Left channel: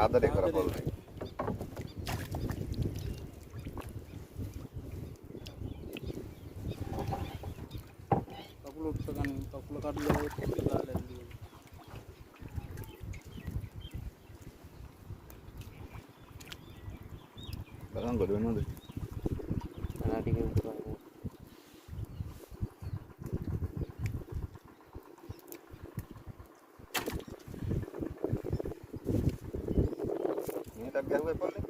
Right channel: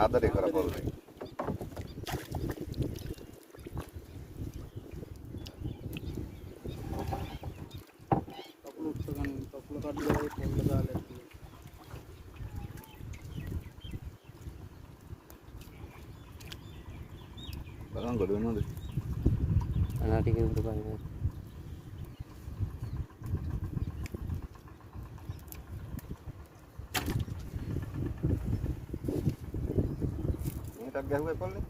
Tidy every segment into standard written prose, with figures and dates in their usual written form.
ආදරේ කරපොල්ලේ. කකුල උස්සගෙන කකුල කඩුවේ පොල්ට දාලා ඉන්නේ. බලන්න ගොඩ වෙනවද? අනාටික උඩ බලන්න. මේකක් ගැහුවේ පොල්ලේ.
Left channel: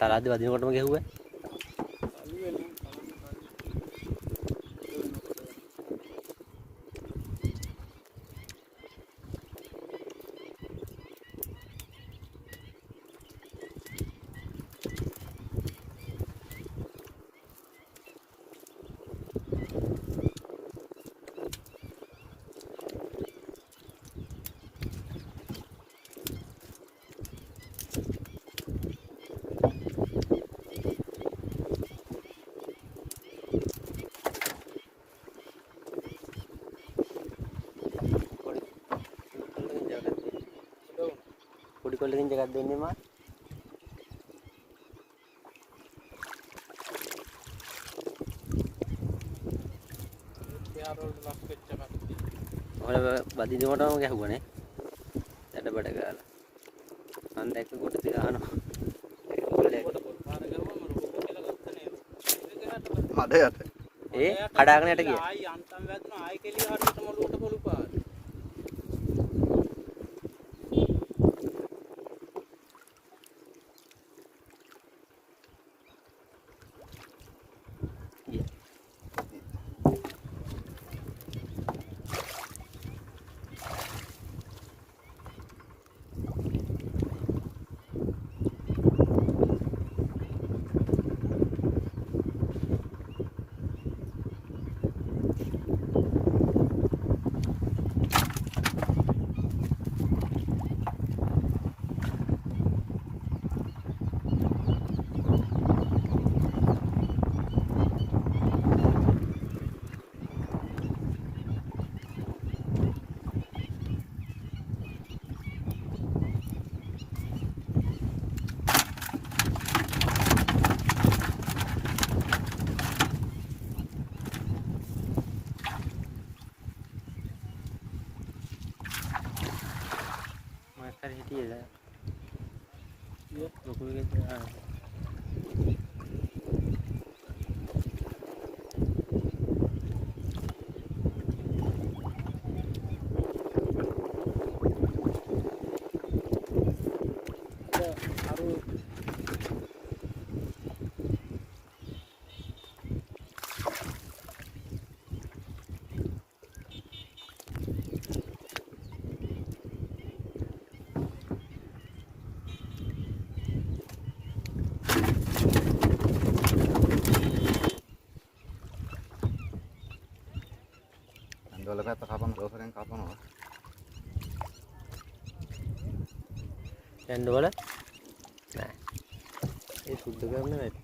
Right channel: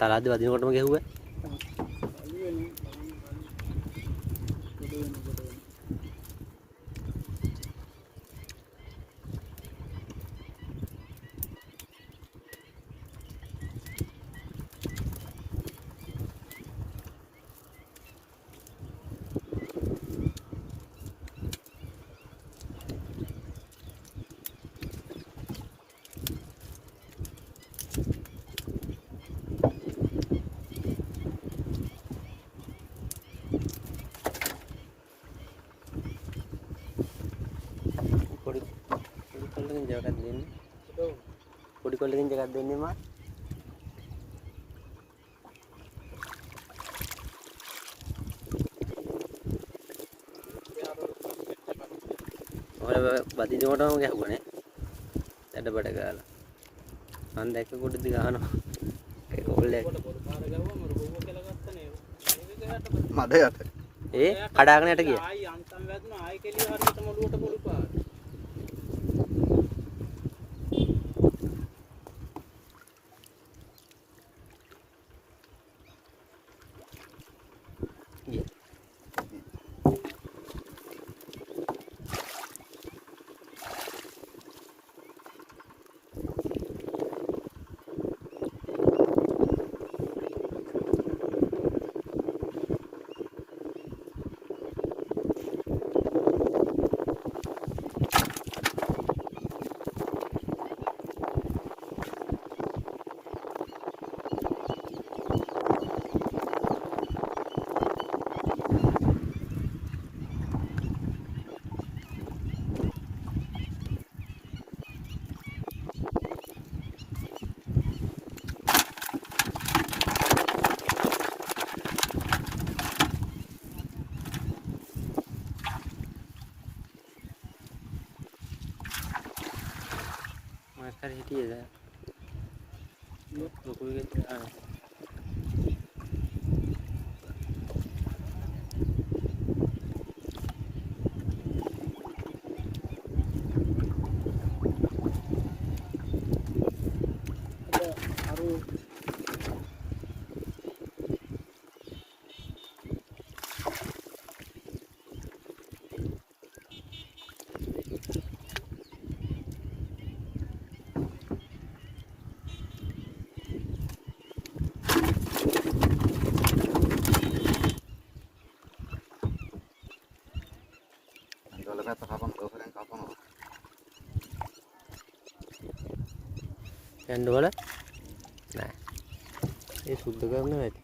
තරද්දි වදිනකොටම ගැහුවා. පොඩි කොල්ලකින් ජගත් දෙන්නේ මා. ඔය වදිනකොටම ගැහුවානේ. ඇඩ බඩ ගාලා. මන් දැක්ක කොට දිගානවා. කොල්ලේ මඩ යට. ඒ කඩාගෙන යට ගියා. ආයි අන්තම් වැදුනා ආයි කෙලිය හරියට මොළුවට පොළු පාර. මාස්ටර් හිටියේද? ලොකුගේ ආ. Andole පැත්ත කපන දෝසරෙන් කපනවා. යන්න වල නෑ. ඒ සුද්ධ කරන්න වැඩි.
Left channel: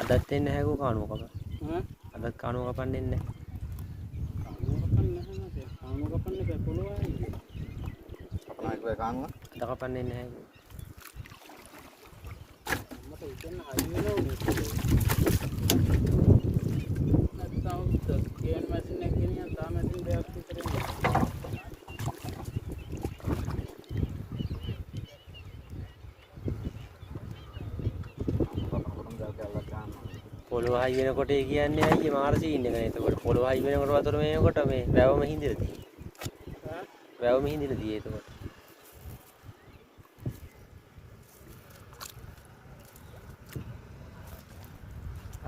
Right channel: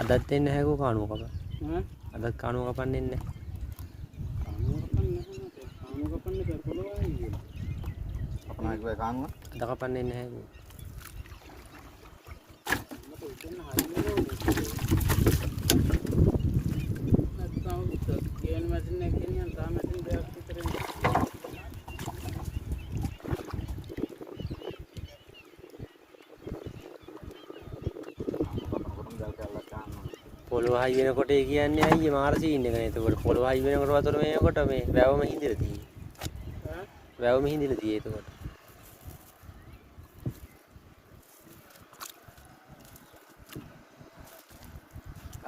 අදත් එන්නේ නැහැ කෝ කාණුව කප. අදත් කාණුව කපන්න එන්නේ නැහැ. කාණුව කපන්නේ බෑ පොළොවයි. අපනා කිව්වේ කානුව. අද කපන්න එන්නේ නැහැ කෝ. මට උදේම හරියනවා. ගේන් මැෂින් එක ගෙනියන් තා මැෂින් දෙකක් විතර එනවා. පොළොව හයි වෙනකොට ඒ කියන්නේ අයියේ මාර සීන් එක නේ. එතකොට පොළොව හයි වෙනකොට වතුර මේනකොට මේ වැවම හිඳිලා තියෙන්නේ. වැවම හිඳිලා තියෙන්නේ එතකොට.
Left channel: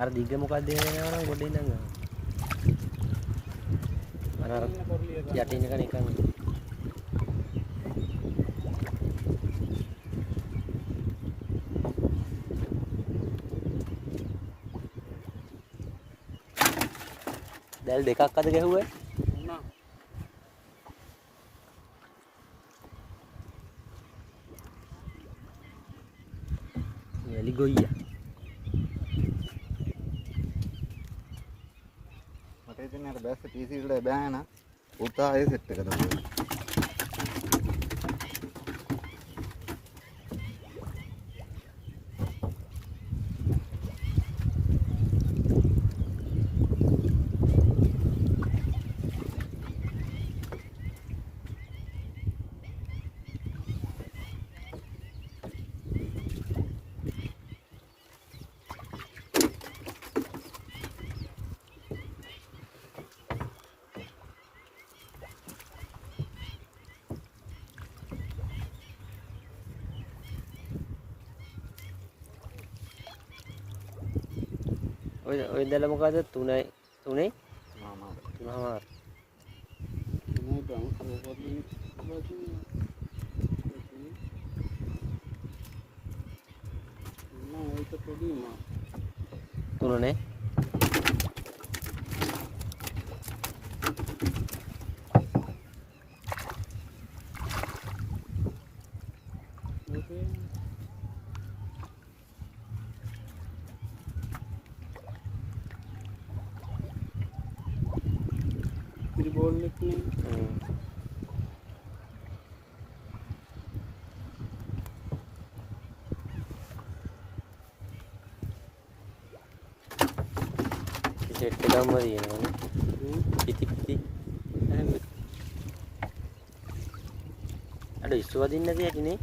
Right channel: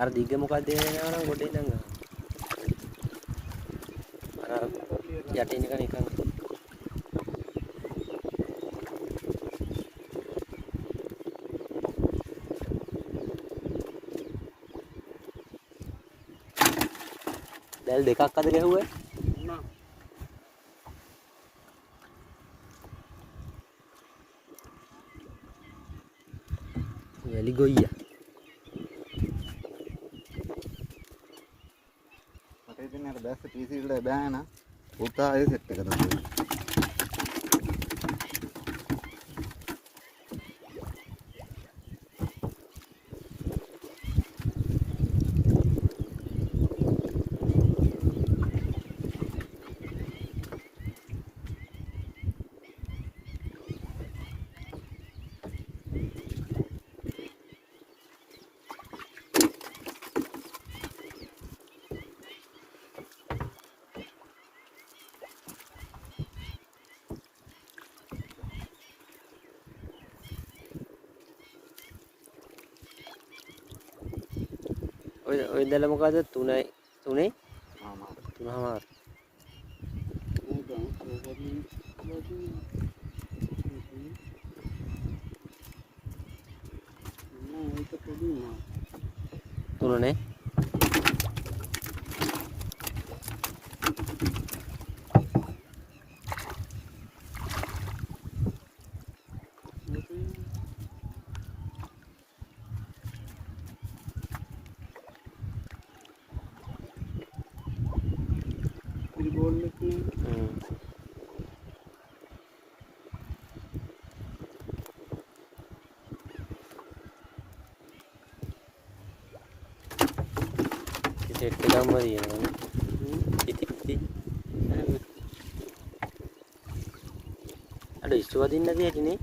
අර දිග මොකක්ද එනවා නම් ගොඩේ ඉඳන් ගන්න. අර යටින් එක නිකන් දැල් දෙකක් අද ගැහුවේ නෑ. එලි ගොයියා කියන්නේ අර බැස්ස PC වල බෑ නා. පුතා ඒ සෙට් එක තමයි. ඔය දැල මොකද 3 මාමාර. මහමාර තුනනේ සෙට් එකක්ම තියෙනවානේ පිටි අර ඉස්සුව දින්න නැති හැටිනේ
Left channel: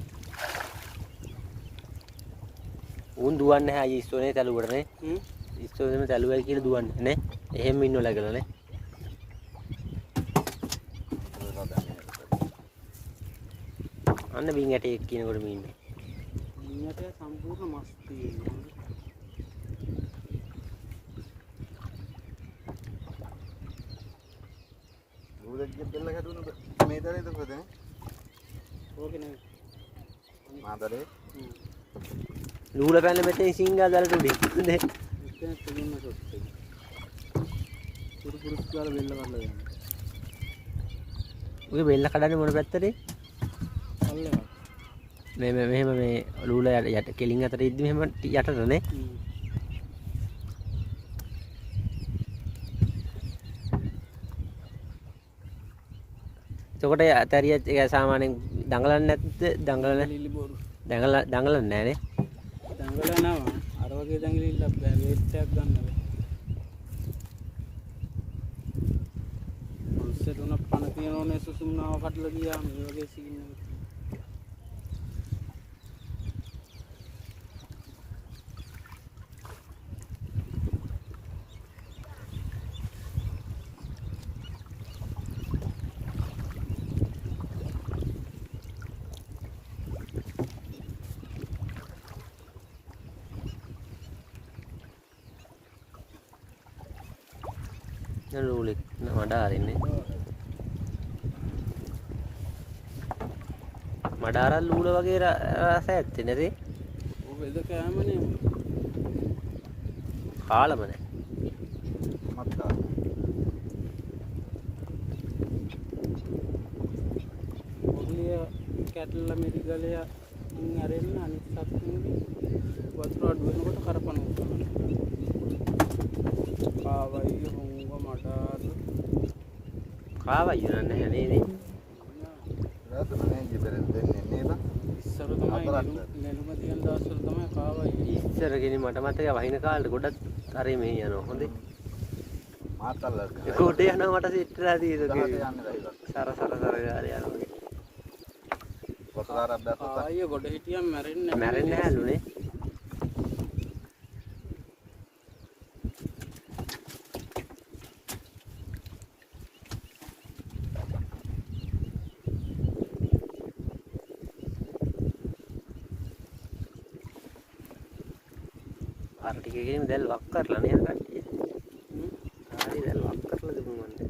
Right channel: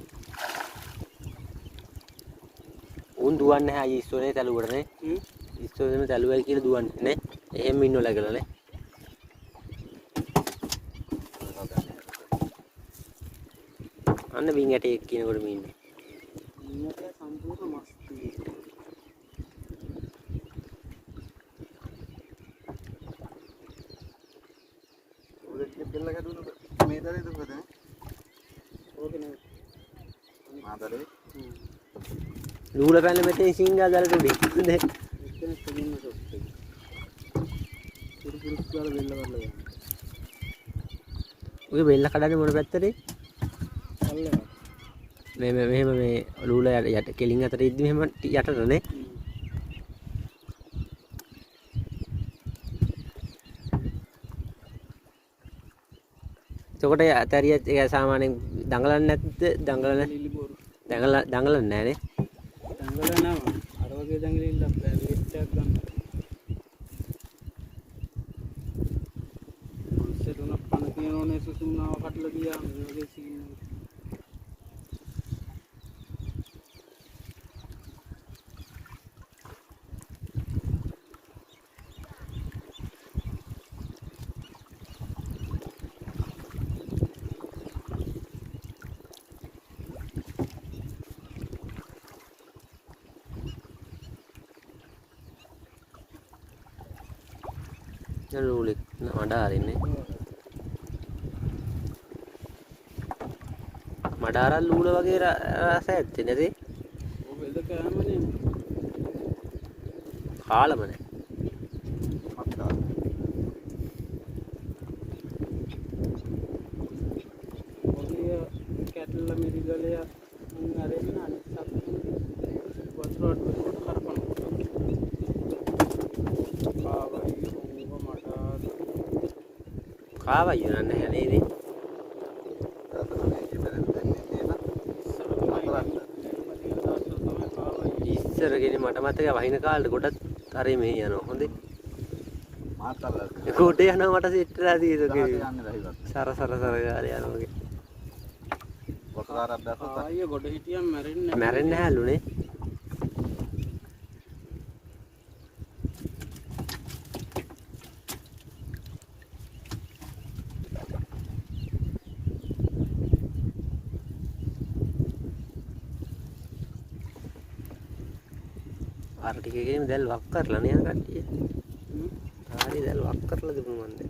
උන් දුවන්නේ නැහැ අයියේ ඉස්සුවනේ තැලුවටනේ ඉස්සුවෙම තැලුවයි කියලා දුවන්නේ නේ එහෙම ඉන්නවල කියලා නේ අන්න බින් යටේ කියනකොට මේ ඉන්නේ බින් යටේ සම්පූර්ණ මස් තියෙනවා බෙල්ල ගැටුන මේ දරේද කොහෙද ඕකේ නේ මාදරේ ලූල පැනල මෙතෙන් සිංගා දාලා උඩින් නේ එතන තිබුණ ෂොට් එක පුරුස් ගාලා බෙල්ල කරලා යනවා ඔය බෙල්ල කඩන්නේ මොන පැත්තටද අල්ලනවා මෙහෙම මේ ලූල යට කෙලින් අතර ඉද්දි මෙහෙම යටටනේ එතකොට ඇතරිය ඒක සාමාන්‍යයෙන් දඟලන්නේ නැද්ද දඟලන්නේ දඟලන්නේ නැහැ නේ දඟලනවා අර වගේ දඟලිලා විරිට්ටයක් ගන්නවා පස්සේ තුනක් පණ කියනෝනේ සුසුම්නාව කඩලා ගියා මේ වගේ සීන් එක ලූලෙත් මඩාරින්නේ මඩාරල් ලූල වගේ රස ඇත්තේ නැති ඔබ ඉද කෑමනේ කාලම නැහැ මත්තා ඔබලිය කැටල මිරිගලය අරෙන්න අනිත් සත්තුන්ගේ වතුර අඩුවෙනකොට කරපනවා කාවයි හොංග මටාර කාවයි නෑ නේ රතනනේ ඉතරෙන් දෙන්නේ නේද ඉස්සර තමයි නෙළුම තියෙන දවස්වල තමයි කාවයි ඉස්සර ගෙනේ මට මතකයි වහින කාලේ ගොඩක් හරි මේ යනවා හොඳේ මාතල්ලා ඒකට යනවා මට සිටලා තියෙනවා යන්නේ රහිවත් සර ගාලේ යනවා වතුරක් දැස්සුවා ආයේ ගොඩ හිටියම් මැරෙන්නේ මැරෙන්නේ නැහැලුනේ අර ටිකකින් දැල් වක් කරලා නේ කට්ටිය. හරි දැල් වක් කරලා දුන්නු මන්ද.